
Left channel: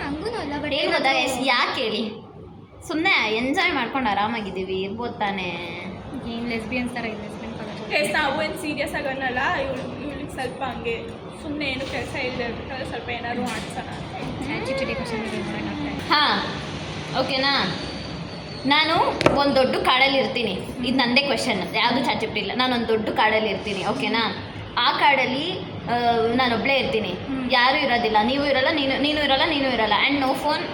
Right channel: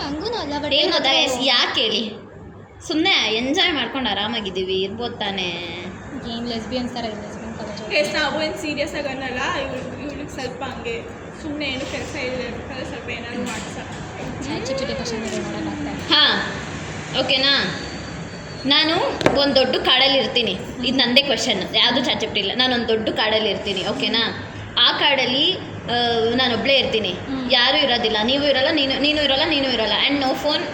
ಹಂಗೂ ಅಲ್ಲ, ಬಟ್ ಏನು ಗೊತ್ತಾ ಯಾಕೆ ಹೇಳಿ? ಸುಮ್ಮನೆ ಎಂಜಾಯ್ ಮಾಡ್ಕೊಂಡು ಆರಾಮಾಗಿದ್ದೀವಿ, ಇರ್ಬೋದು ತಾನೇ. ಏನು ಲೆಸ್ಬಿಯನ್ಸ್ ಥರ ಇಲ್ಲ ಲೆಸ್ಬಿಯನ್ ಕಾಲೇಜ್. ಗೈಸ್ ನಾವು ಏನು ಸೀರಿಯಸ್ ಆಗಿ ಅನ್ನಲ್ಲ. ಇವ್ಳಿಗೆ ಸ್ವಲ್ಪ ಹಂಗೆ ಸುಮ್ಮನೆ ಏನು ಕೆಲಸ ಇದೆ ಸ್ವಲ್ಪ ಏನಾದರೂ ಮಾಡ್ಸೋಣ. ಚಿಟಿ ಕ್ವಶನ್ ನೋಡೋಕ್ಕಾಗ್ತಾ ಇದೆ. ಹಾಂ ಓಕೆನಾ? ನಾನು ಒಂದು ದೊಡ್ಡ ಕಾಡಲ್ಲಿ ಇರ್ತೀನಿ. ಇದು ನನ್ನದೇ ಕ್ವೆಶನ್, ಯಾವುದು ಚಾಚಿಪ್ಟಿ ಇಲ್ಲ. ನಾನೊಂದು ದೊಡ್ಡ ಕಾಡಲ್ಲಿ ಇರ್ತೀನಿ, ಓಕೆನಾ? ಆ ಕಾಡಲ್ಲಿ ನಾನೊಬ್ಬಳೇ ಇರ್ತೀನಿ, ಯಾರೂ ಇರೋದಿಲ್ಲ, ನೀವು ಇರೋಲ್ಲ, ನೀನು ಇರೋಲ್ಲ ಆ್ಯಂಡ್ ನೋ ಫೋನ್.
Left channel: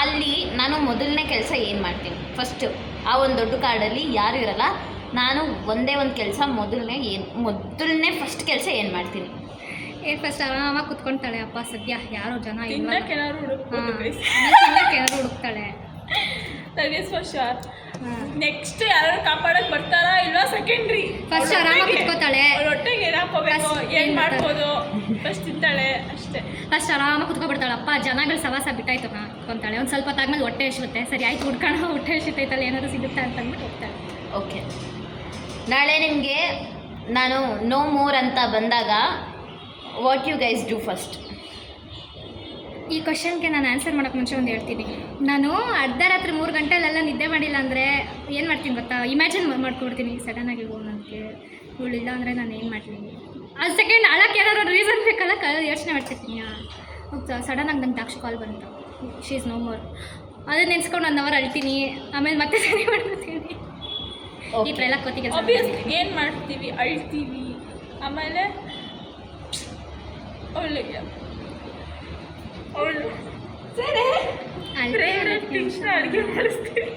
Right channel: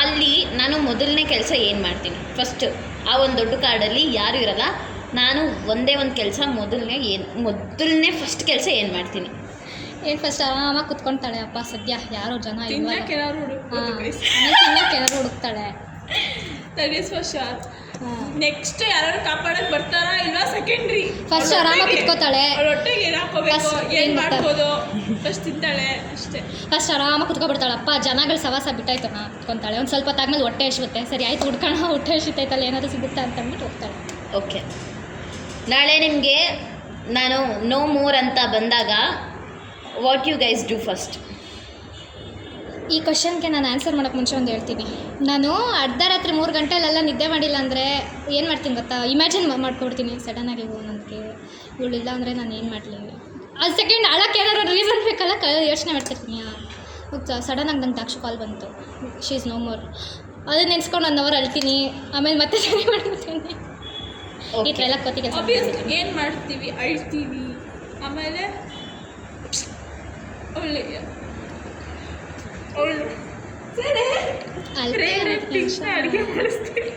ಅಲ್ಲಿ ನಾನು ಮೊದಲನೇ ಕೆಲಸ ಏನು ಮಾಡ್ತೀನಿ? ಫಸ್ಟು ಆ ಒಂದು ದೊಡ್ಡ ಕಾಡಲ್ಲಿ ಯಾರೂ ಇರೋಲ್ಲ, ನಾನು ಒಂದೇ ಒಂದು ಕೆಲಸ ಮೊದಲನೇ ಫಸ್ಟ್ ಕೆಲಸ ಏನು ಮಾಡ್ತೀನಿ? ಏನು ಫಸ್ಟ್ ಆರಾಮಾಗಿ ಕುತ್ಕೊಳ್ತಾಳೆ. ಅಪ್ಪ ಸದ್ಯ ಯಾರೋ ಜನ ಇಲ್ಲ, ಏನಾದ್ರು ಏನಾದ್ರು ಹುಡುಕ್ತಾಳೆ. That is for sure. Next ಯಾರು ಕಾಪಾಡಕ್ಕೆ ಬರ್ತಾರಾ ಇಲ್ವಾ ಸೆಕೆಂಡ್ರಿ. ಫಸ್ಟ್ ಆರಾಮಾಗಿ ಕುತ್ಕೋತಾಳೆ. ಒಟ್ಟಿಗೆ ಏನು ಹಾಕೋಬೇಕು, ಏನು ಮಾಡ್ಬೋದು, ಫಸ್ಟ್ ತಿಂತಾಳೆ ಅಷ್ಟೇ. ಫಸ್ಟ್ ಆರಾಮಾಗಿ ಕುತ್ಕೊಬಿಡ್ತಾಳೆ. ಅಪ್ಪ ಜನಗಳು ಸವಾಸ ಬಿಟ್ಟಾಯ್ತು ನಾ ಕುತ್ಕೊತಾಳೆ. ಒಂದು ಸ್ವಲ್ಪ ಹೊತ್ತಾದ್ಮೇಲೆ ಹೊಟ್ಟೆ ಹಸಿರುತ್ತೆ. ಸರಿ ಆಯ್ತು ಹುಡ್ಕೋಣ, ಹೊಟ್ಟೆ ಹಸಿತೈತಲ್ಲ ಏನಾದರೂ ಸಿಗುತ್ತೆ ಅಂತ ಅಂದ್ಬಿಟ್ಟು ಹೋಗ್ತಾಳೆ. ಓಕೆ, ನಾಳೆ ನಿಮಗೆ ನಾನು ನೋ ಮೋರ್ ಅಂತ ಬಂದಾಗ what you guys do first? ಈ ಕ್ವಶನ್ಗೆ ನಾನು ಆನ್ಸರ್ ಮಾಡೋಕ್ಕೆ ಮುಂಚೆ ಒಂದು ಹೇಳ್ತೀನಿ. ನಾನು ಅರ್ಧ ರಾತ್ರಿ 3 ಗಂಟೆಲೆಲ್ಲ ನಿದ್ದೆ ಮಾಡಿಲ್ಲ ಅಂದರೆ ಏನು ಮಾಡ್ತೀನಿ ಗೊತ್ತಾ? ಇಮ್ಯಾಜಿನ್ ಮಾಡ್ಕೊಡ್ತೀನಿ ಸಡನ್ನಾಗಿ. ನನಗೆ ಇವಳಿಲ್ಲ ಅಂದರೆ ನಾನು ಏನು ಮಾಡಲಿ? ಅದು ಸೆಕೆಂಡ್ ಅಳಕ್ಕೆ ಏನಾದ್ರು ರೀಸನ್ ಬೇಕಲ್ಲ, ಯೋಚನೆ ಮಾಡ್ತಿರ್ತೀನಿ. ಸಡನ್ನಾಗಿ ನಂಗೆ ದಾಕ್ಷು ಕಾಲ್ ಬಂತು, ಶಿ ಈಸ್ ನೋ ಮೋರ್. ಅದನ್ನ ನೆನೆಸ್ಕೊಂಡು 1 ಅವರ್ ಅಳ್ತೀನಿ, ಆಮೇಲೆ ಮತ್ತೆ ಸರಿ ಮಾಡ್ಕೊತೀನಿ. ಈ ಥರ ಎಲ್ಲ ಕೋತಿ ಕೆಲಸ ಏನು ಮಾಡ್ತೀವಿ, ಅಳ್ತೀವಿ, ಆಮೇಲೆ ಒಳ್ಳೆಯ ಅವಳು ಸರಿ ಅಳ್ತೆ ಕೃಷ್ಣ ಅಡುಗೆ ಮಾಡಿಸ್ತೀವಿ.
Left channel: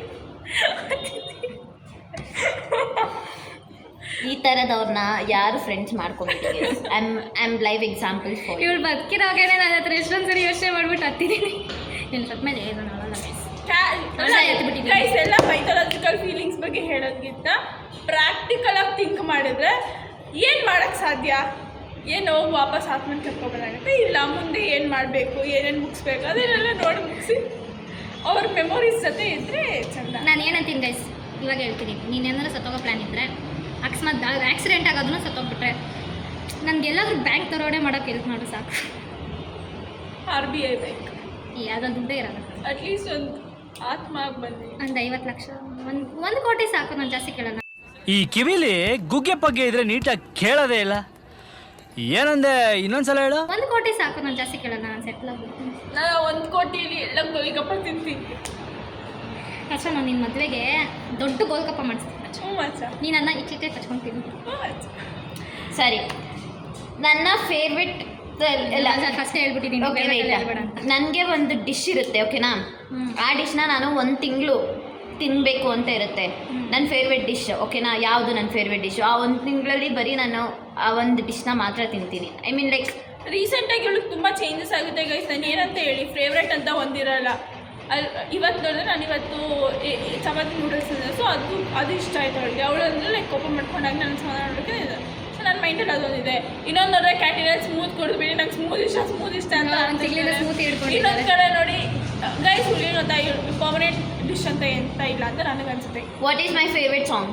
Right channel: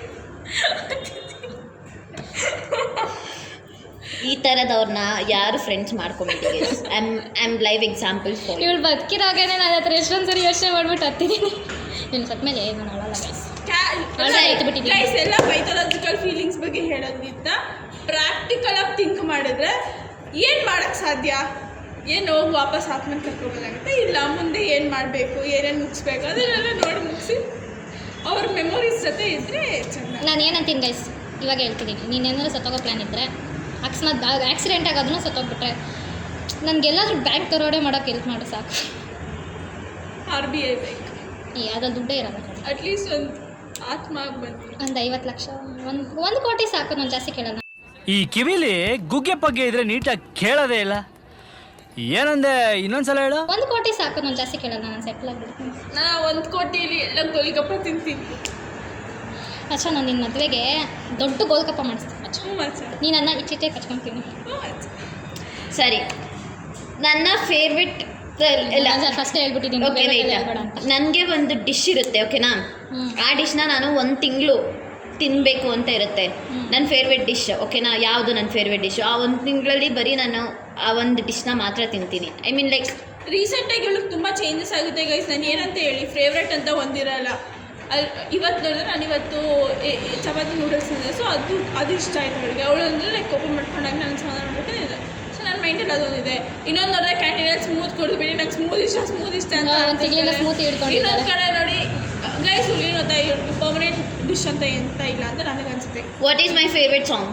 ಈ ಥರದವ್ರನ್ನ ಯಾರು ಫ್ರೆಂಡ್ಸ್ ಮಾಡ್ಕೊಂಬಿಟ್ಟಿಗೆ I am live example for ಇವಳು ಬದುಕಿರೋಗೇನೆ ನಾನು ಹತ್ರ ಎಷ್ಟೊಂದು ಸರಿ ಯೋಚನೆ ಮಾಡ್ಬಿಟ್ಟು ಹತ್ತಿದ್ದೀನಿ. ಇನ್ನು ಸತ್ಮೇಲೆ ನಾನು ಅಳಲ್ಲ ಗೈಸ್. ಗೈಸ್ ಎಲ್ಲ ಮೈಥಾಲಜಿಕಲ್ ಫೀಲಿಂಗ್ಸ್ ಬಗ್ಗೆ ಹೇಳೋದ್ಕಿಂತ ಪ್ರಾಕ್ಟಿಕಲ್ ಆಗಿ ಥಿಂಕ್ ಮಾಡಿದ್ರೆ ಏನು ಮಾಡೋಕ್ಕೆ ಸಾಧ್ಯ? ಏನು ಹೋಗಿ ವಾಪಸ್ ಆತ್ಮನ ಕರ್ಕೋಬೋದಾಗುತ್ತೆ, ಇಲ್ಲ ಮುಂದೆ ಏನು ಮಾಡಬೇಕು, ಏನೇನು ಮುಗಿಸ್ಬೇಕು ಅದನ್ನೆಲ್ಲ ನೋಡಿ ಮುಗಿಸಿ ಅವ್ರ ಮೆಮೊರೀಸ್ ಜೊತೆ ಇದ್ದರೆ ಚೆಂದ. ನಾನು ಏನಂತೀನಿ ಗೈಸ್, ಇವಾಗ ಹೇಳ್ತಿದ್ದೀನಿ, ನೀನೇನಾದ್ರು ಸತ್ತೋಗೋ ಪ್ಲ್ಯಾನ್ ಇದ್ದರೆ ಅಕಸ್ಮಾತ್ ಆಕ್ಸಿಡೆಂಟ್ ಆಗೋದನ್ನ ಸತ್ತೋಗ್ಬಿಟ್ರೆ ನನಗೆಲ್ಲಾದ್ರೂ ಬ್ಯಾಂಕ್ ದರೋಡೆ ಮಾಡೋಕ್ಕೆ ಹೆಲ್ಪ್ ಮಾಡು ಸಾಕು. RBI ಬೇಕು, ಯಾವುದೋ ದುಡ್ಡೇ ಇರೋದು. ಅಟ್ಲೀಸ್ಟ್ ಒಂದು ಆತ್ಮ ಬಂದು ಒಂದು 50 ಲಕ್ಷ, ಒಂದು ಕೋಟಿ ಸಾಕು, ನಾನು ಜಾಸ್ತಿ ಕೇಳೋಣ. ಈ ಕಿವಿಲಿ ಗುಗ್ಗೆ ಪಗ್ಗೆ ಇದ್ರೆ ನೀಟಾಗಿ ಕೇಳೋದೇ ಇಲ್ಲ. ಏನಂದೆ ಇನ್ನೊಂದ್ಸಲ ಹೇಳು. 1 ಕೋಟಿ ಸಾಕು, ನಾನು ಜಾಸ್ತಿ ಕೇಳೋಣ, ನಾನು ಸೆಟ್ಲ್ ಆಗ್ಬಿಡ್ತೀನಿ. ನಾನು 1 ಕೋಟಿಲಿ ಎಲ್ಲ ಗೋಲಿಗಪ್ಪ ತಿಂತೀನಿ. ಅಚ್ಚ, ನಾನು ನಿನ್ನ ಮದುವೆಗೆ ದೊಡ್ಡ ಗೋಲ್ಕಪ್ಪ ಮಾಡಿಸ್ತೀನಿ. ಅಚ್ಚ, ಮಚ್ಚ ನೀನು ನನ್ನ ಇಚ್ಚಿಟ್ಟೆ ಕಚ್ಕೊತೀನಿ. ಸರಿ. ನನ್ನ ಫೇವ್ರೆಟ್ ಫಸ್ಟೇ ಹೇಳ್ಬಿಟ್ಟಿದ್ದೀನಿ ಓಕೆ ಹೇಳ್ಬೇಡ ಅಂತ. ನನಗೆ ಒಂದು ಡಿಶ್ ಇರುತ್ತೆ ಓಕೆನಾ, ಆ ಡಿಶ್ನ ನಾನು 1 ತಿಂಗಳು ತಿನ್ನಬೇಕು ಅಂತ ಇರುತ್ತೆ. ನನ್ನ ಫೇವ್ರೆಟ್ ಡಿಶ್ ಓಕೆನಾ, ಯಾವುದು ನನ್ನ ಫೇವ್ರೆಟ್ ಡಿಶ್ಶು? ಆ 1 ತಿಂಗಳಲ್ಲಿ ಬರೀ ನಾನು ಆ ಒಂದು ಡಿಶ್ನ ಮಾತ್ರ ತಿಂತೀನಿ. ಐ ಮೀನ್ ಲೈಕ್ ರೀಸೆಂಟಾಗಿ ಇವಳಿಗೆ ತುಂಬ ಚೇಂಜಸ್ ಆಗುತ್ತೆ ಗೈಸ್. ನಾನು ಏನಂತ ಹೇಳಿ ಫೇವ್ರೆಟ್ ಅಂತ ಒಂದಿರಲ್ಲ. ಇವತ್ತು ನೋಡಿದ್ರೆ ನಾನು ಇವತ್ತು ಚಪಾತಿ ನೂಡಲ್ಸ್ ಇದೆ, ಸೊ ಅದು ಇಷ್ಟ ಆಯ್ತು ಅವಳಿಗೆ. ಅವಳು ಅಂದರೆ ಲೈಕ್ ಕೋಪ ಮಾಡ್ಕೊಂಡಾಗ ನಾನು ಸಮಾಧಾನ ಮಾಡ್ಬಿಟ್ಟು ಇದೆ. ಸೊ ನನ್ನ ಮೈಂಡಲ್ಲಿ ಅದೊಂದಿದೆ. ಇನ್ನೊಂದು ನೋಡಿದ್ರೆ ಕ್ಯಾಂಟೀನಲ್ಲಿ ಸ್ಮೂತ್ ಕೊಡ್ಬಿಡಿ, ನಂಗೆ ಸ್ಮೂತ್ ಇಷ್ಟ ಅಂತ. ಒಂದು ತಿಂಗಳಿಂದ ಸ್ಮೂತ್ ಹಿಡ್ಕೊಂಡಿದ್ದಾರೆ. ಇನ್ನೊಂದು ಕಡೆ ನೋಡಿ ಗೈಸ್ ಹುಡುಗಿ ಗೊತ್ತಾ, ಪರ್ಮನೆಂಟ್ ಡಿಶ್ ಅಂತ ಎಂತ ಇಲ್ಲ ಅಂತ ನನಗೆ ಅನ್ಸುತ್ತೆ. What is my favourite song?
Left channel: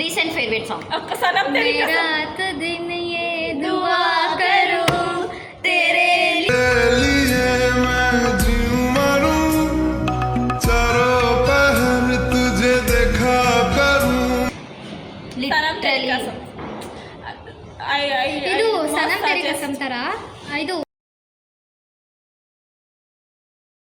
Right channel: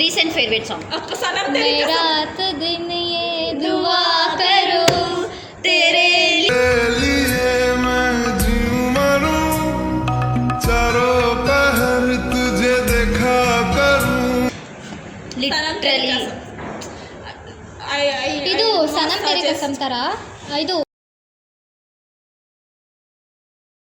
Recent favourite song ಅಕ್ಕ ಸನಮ್ ತೆರಿ ಕಸಮ್. रात दिन ये दुआ करो तेरे लिए मैं जीऊं मरूं, चारों पहर तुझे देखा करूं. ಲಿಟ್ರಲಿ ಇದು ಸನಮ್ ತೆರಿ ಕಸಮ್ ಥರ ಇದು